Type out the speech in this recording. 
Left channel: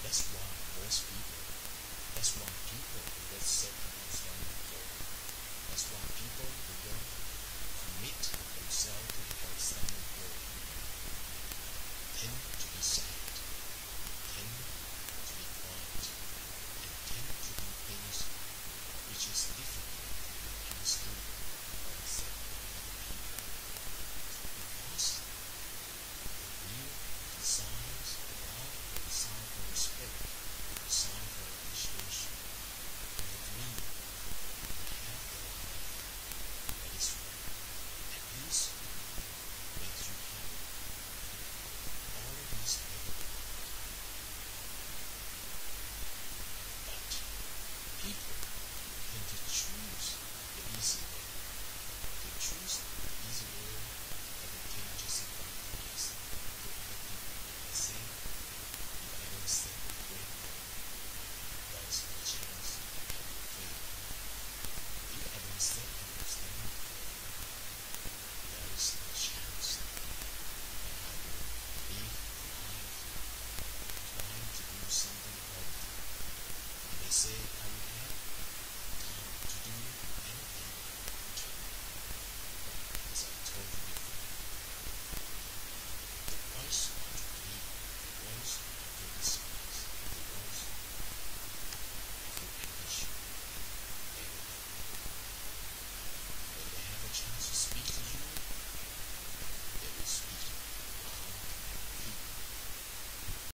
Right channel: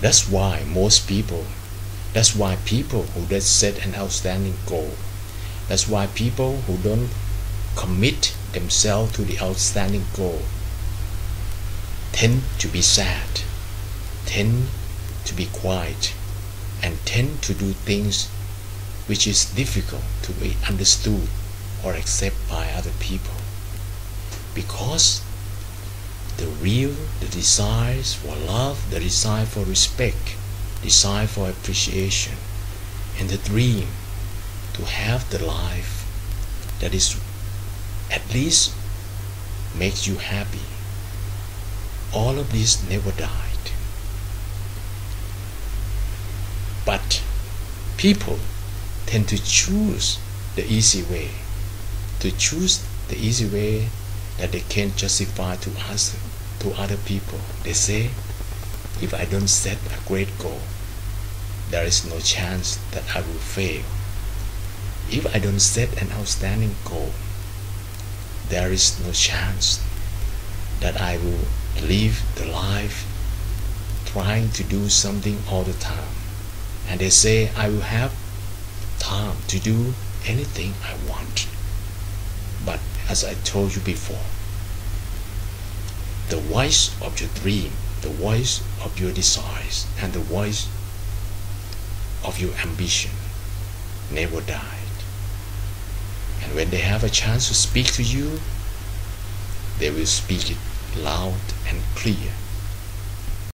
That's why people who don't set an outstanding goal, that's why people who don't commit themselves to the outstanding goal tend to be sad, tend to be quiet, and tend to do things which is difficult to be understood or accepted by other people. Because the desires for love, the desire for respect, desire for appreciation, and the dream to have the life that is at least makes you happy, all of this never died. But people tend to choose the easy way, that they can justify to us, to other people. They say, if I don't set a great goal, there is no chance that I will fail. If I don't set an outstanding goal, there is no chance that I will live the life trying to do something all the time. And they say I will have time to do anything I want. But as I told you before, the voice of your dream, the voice of your desires, and the voice of your ambition never died. And when they have a chance to speak to you, they will speak it loud and clear.